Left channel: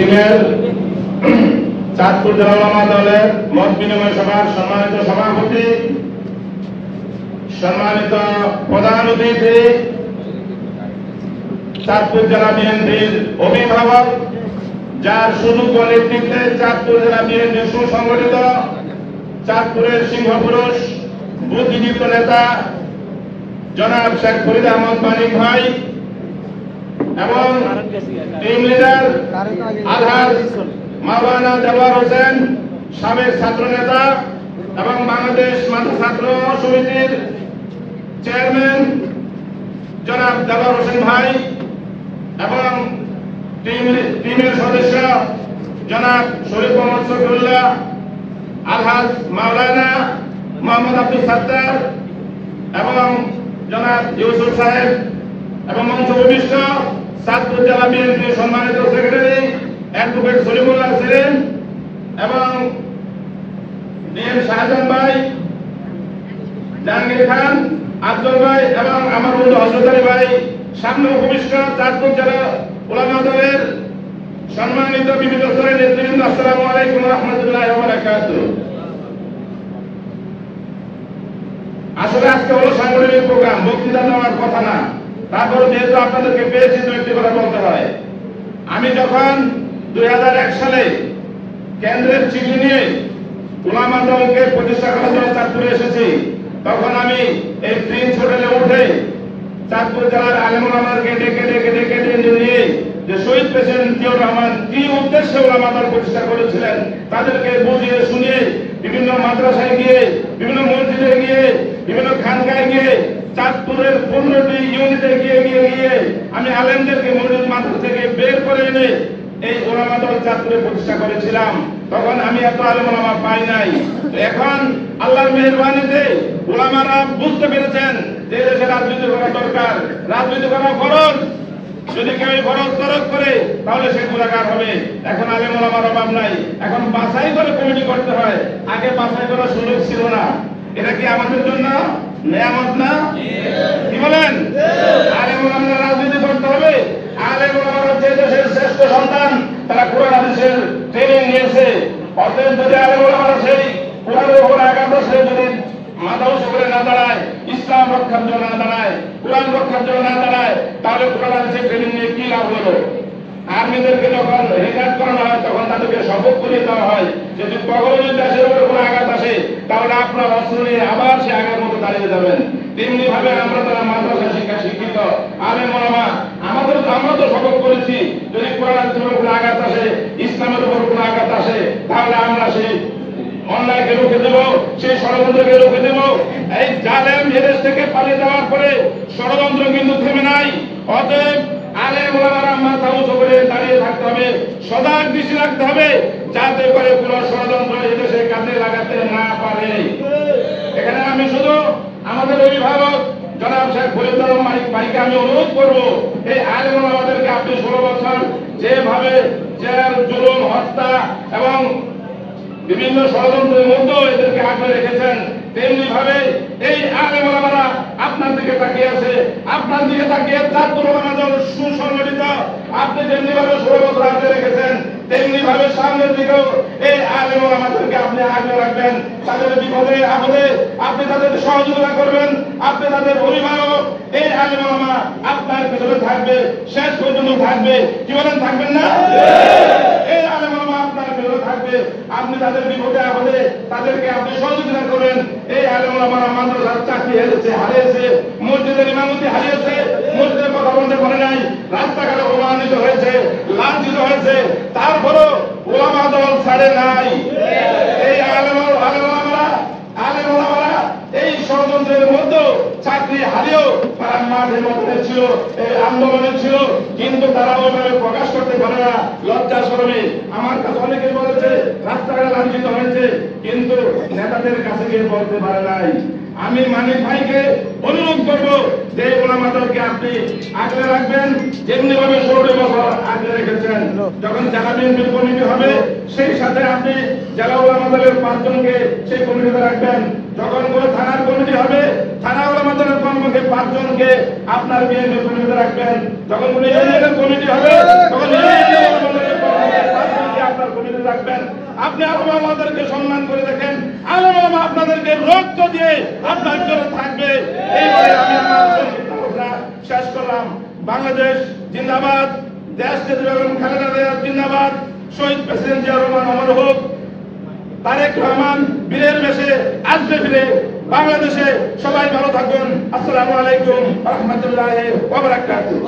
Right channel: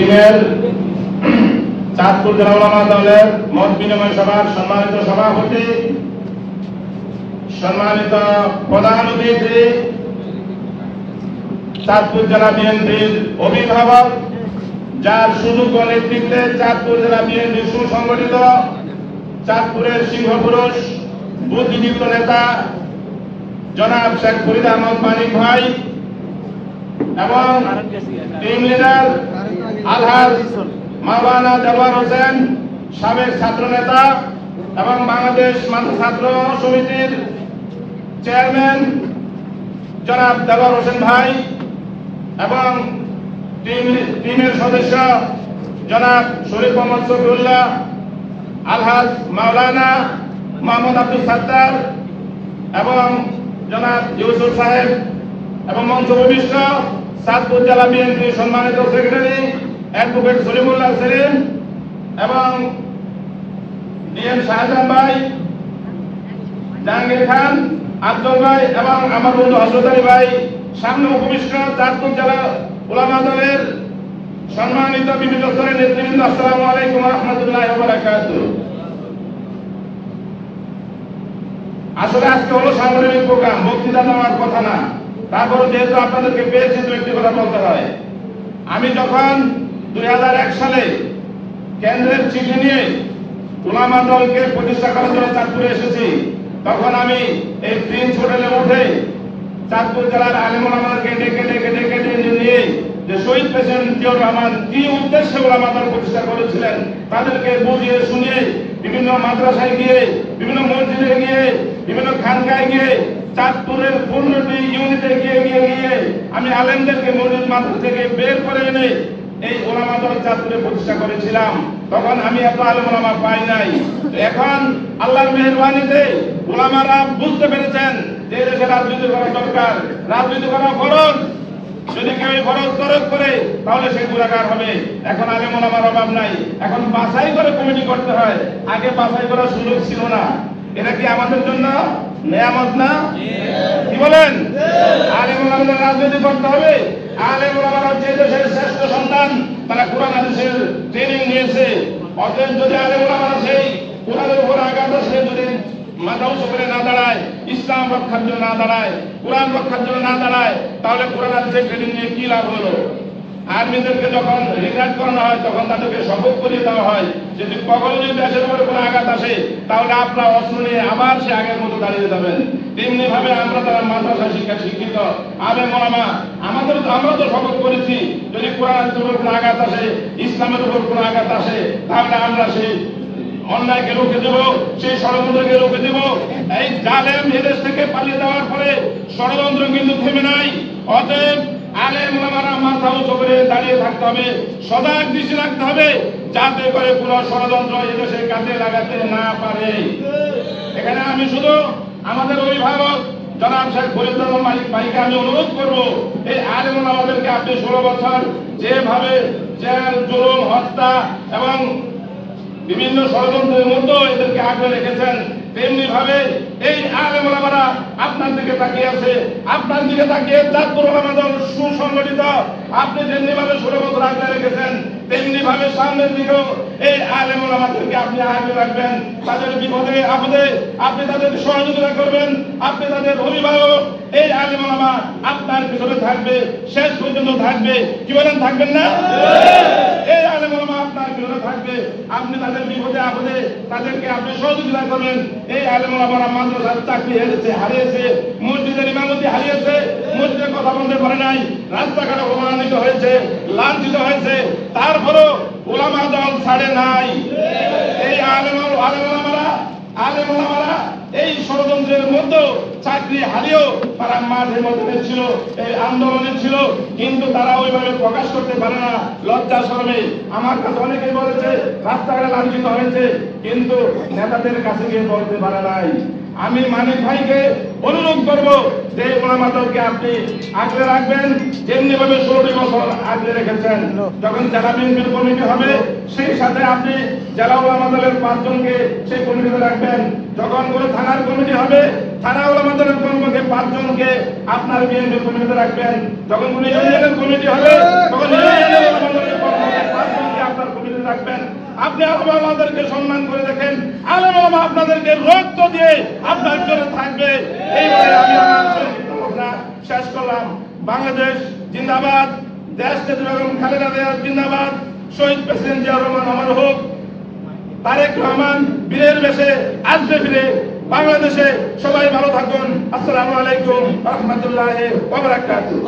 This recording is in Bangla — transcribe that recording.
টিমের চাঁদপুর জেলা উলামা দলের মত বিনিময় সভার সম্মানিত সভাপতি, সম্মানিত প্রধান অতিথি, চাঁদপুর জেলা বিএনপির অভিভাবক, যার সুযোগ্য নেতৃত্বে চাঁদপুর জেলা বিএনপি সুসংগঠিত, চাঁদপুরের সিংহপুরুষ বুদ্ধিদীপ্ত নেতা জনাব শেখ ফরিদ আহমদ মানিক ভাই এবং টিম লিডার আলহাজ মাওলানা দেওয়ার হোসেন, সাবেক ছাত্র নেতা এবং বাংলাদেশ ছাত্র সমিতির চেয়ারম্যান জনাব দেওয়ার হোসেন ভাই এবং টিমের সদস্য জনাব শরীফ মোহাম্মদ শফিউল্লাহ, আলহাজ মাওলানা মোহাম্মদ আব্দুল সাত্তার এবং জনাব ইউসুফ সাহেব এবং মঞ্চ উপবিষ্ট চাঁদপুর জেলা বিএনপি সম্মানিত সেক্রেটারি অ্যাডভোকেট সলিমুল্লাহ সেলিম এবং ডিএম শাহজাহান ভাই, জাহাঙ্গীর খান, আফজল ভাই এবং আমার বন্ধু হযরত আলী ভাই, সামনে উপবিষ্ট চাঁদপুর জেলা উলামা দলের সম্মানিত বিভিন্ন স্তরের নেতৃবৃন্দ, আসসালামু আলাইকুম ওয়া রাহমাতুল্লাহি ওয়া বারাকাতুহু। আসলে আজকে হলো সাংগঠনিক প্রোগ্রাম, বক্তৃতা দেওয়ার কথা না, তারপর যেহেতু আপনাদেরকে পেয়েছি তো একটি কথা বলতে হয়। আমি যখন 2001 সালে কেন্দ্রের চিঠি নিয়ে উলামা দলকে প্রতিষ্ঠা করার জন্য চাঁদপুরে এসেছি, তখন আমি এই প্রিন্স হোটেলে উঠে চাঁদপুর জেলার আলেম ওলামাদেরকে ডেকে নিয়ে যে শহীদ প্রেসিডেন্ট জিয়াউর রহমান কি উদ্দেশ্যে উলামা দল প্রতিষ্ঠা করেছিলেন তাদেরকে বুঝিয়ে শুনিয়ে বিভিন্ন মাদ্রাসায় গিয়ে, বিভিন্ন মসজিদে গিয়ে, বিভিন্ন খানকায় গিয়ে, চাঁদপুরের 15টি ইউনিটে গিয়ে আমি আলেমদেরকে মসজিদ মাদ্রাসা থেকে বের করে এনে এই উলামা দল চাঁদপুরে প্রতিষ্ঠা করেছিলাম। তখন আমি এত আলেম ওলামা পাই নাই। এখন আল্লাহর মেহেরবানিতে উলামারা বুঝতে পেরেছেন যে দেশে রাজনীতি করা দরকার, রাজনীতি করা ফরজ। যদি কেউ ফরজ তরক করে তাহলে সে গুনাহগার হবে। এখন আলেম ওলামার অভাব নাই, এখন বাছাই করে কমিটি করতে হয়, আগে বাছাই করার সুযোগ ছিল না। এটা কি আমাদের জন্য নেয়ামত না? কি বলেন? আলেম ওলামারা রাজনীতি করতে হবে। আলেম ওলামারা যে দেশের শ্রেষ্ঠ সন্তান, তারা কোরআন হাদিসের ট্রেনিং নিয়েছে। অতএব যদি আলেম ওলামারা সেই কোরআনের উপর আঘাত আসে, যদি মাদ্রাসা করে না দাঁড়ায়, ইসলাম রক্ষার জন্য না দাঁড়ায়, কোরআন রক্ষার জন্য না দাঁড়ায়, তাহলে কোরআন হাদিসের ট্রেনিং নিয়ে কি লাভ হলো? আর্মিদেরকে যখন রিটায়ার করানো হয় তখন তাদেরকে শপথ করিয়ে দেওয়া হয় যদি কখনো যদি দেশের উপরে কোনো আঘাত আসে তাহলে আপনার অস্ত্র নিয়ে আবার সে আগের মতো দাঁড়িয়ে যাবেন। তেমনি ভাবে আমরা তারা মাদ্রাসা শিক্ষা শিক্ষিত আলেম ওলামা আমরা তো শপথ করেছি যদি কোরআন হাদিসের উপর কোনো আঘাত আসে, ইসলামের উপর কোনো আঘাত আসে, তাহলে আমরা সেই অন্যায়কে রুখে দেব, সেই ষড়যন্ত্রকে রুখে দেব। এই জালেম এদেশ থেকে পালিয়ে যাওয়ার পরে ষড়যন্ত্র কিন্তু থেমে নাই। অতএব আলেম ওলামারা মাথা উঁচু করে দাঁড়িয়ে থাকতে হবে, সজাগ দৃষ্টি রাখতে হবে যাতে করে কোন ষড়যন্ত্র এদেশে কাজে লাগাতে না পারে। এখানে আমি শুধু আমাদের অভিভাবক জনাব শেখ ফরিদ আহমদ মানিক ভাইকে আমি অনুরোধ করব, এই আলেম ওলামাদেরকে আপনি 16 বছর যেভাবে জেল, জুলুম, হত্যা এবং বিভিন্ন ষড়যন্ত্রের মধ্যেও এদেরকে আগলে রেখেছেন, তেমনি ভাবে এই আলেম ওলামারা আপনার দিকে তাকিয়ে আছে, আপনার দিকে তাকিয়ে চাঁদপুর উলামা দল সুসংগঠিত। আপনি যেমনি ভাবে 16 বছর আগলে রেখেছেন, তেমনি ভাবে সামনের দিকেও এই আলেম ওলামাদেরকে আপনি আগলে রাখবেন। তাদের বিপদে আপদে আপনি তাদের সহযোগিতা করবেন, আপনি তাদের অভিভাবক। এই আলেম ওলামা আপনার পিছনে থাকবে, শেষ পর্যন্ত থাকবে। কি বলেন, থাকবেন না? এই আলেম ওলামা আপনার পিছনে থাকবে, আপনি তাদের বিপদে আপদে তাদেরকে আপনি সহযোগিতা করবেন। এই আলেম ওলামারা মাদ্রাসার চাকরি হারিয়েছে, মসজিদের ইমামতি হারিয়েছে, মসজিদের কথা বলতে পারে নাই, রাস্তাঘাটে অপমানিত হয়েছে, লাঞ্ছিত হয়েছে, তারপরও ওলামা দল ছাড়ে নাই। এই আলেম ওলামারা এই ষড়যন্ত্রের মধ্যে চাকরি হারিয়েও তারা মাঠে মধ্যে ছিল, এই আন্দোলনে ছিল, কিন্তু তারা ওইভাবে প্রকাশ করতে পারে না, লজ্জা শরমে। আমার কাছে অনেকেই বলেছে রাস্তাঘাটে লাঞ্ছিত হয়েছে, কিন্তু নেতাদের কাছে গিয়ে বলতে পারে নাই। আমি মানিক ভাইকে অনুরোধ করব যে ওলামা দলকে আপনি আগলে রাখবেন, যেমনি ভাবে 16 বছর আগলে রেখেছেন। যখন জেলা বিএনপির কমিটি হবে সেই সাথে আপনি জেলা ওলামা দলের 5 জনকে সেই কমিটিতে রাখবেন। যখন কোন থানার কমিটি হবে, থানা ওলামা দলের কর্মকে 5 জনকে আপনার বিএনপির কমিটিতে রাখবেন। যখন কোন ইউনিয়নের কমিটি হবে, তখন ইউনিয়নের ওলামা দলের কর্মকে আপনি আমাদেরকে সম্মান করে দেখেন, আলেম ওলামা আপনাদেরকে রক্ত দিয়ে আপনার জন্য থাকবে। এই বলে আমি আমার সংক্ষিপ্ত শেষ করলাম। বাংলাদেশ জিন্দাবাদ, দেশ নেত্রী বেগম খালেদা জিয়া জিন্দাবাদ, শহীদ প্রেসিডেন্ট জিয়া রহমান অমর হোক, তারেক রহমান বীরের বেশে আসবে ফিরে বাংলাদেশে। সবাই ভালো থাকুন। আসসালামু আলাইকুম ওয়া রাহমাতুল্লাহি ওয়া বারাকাতুহু।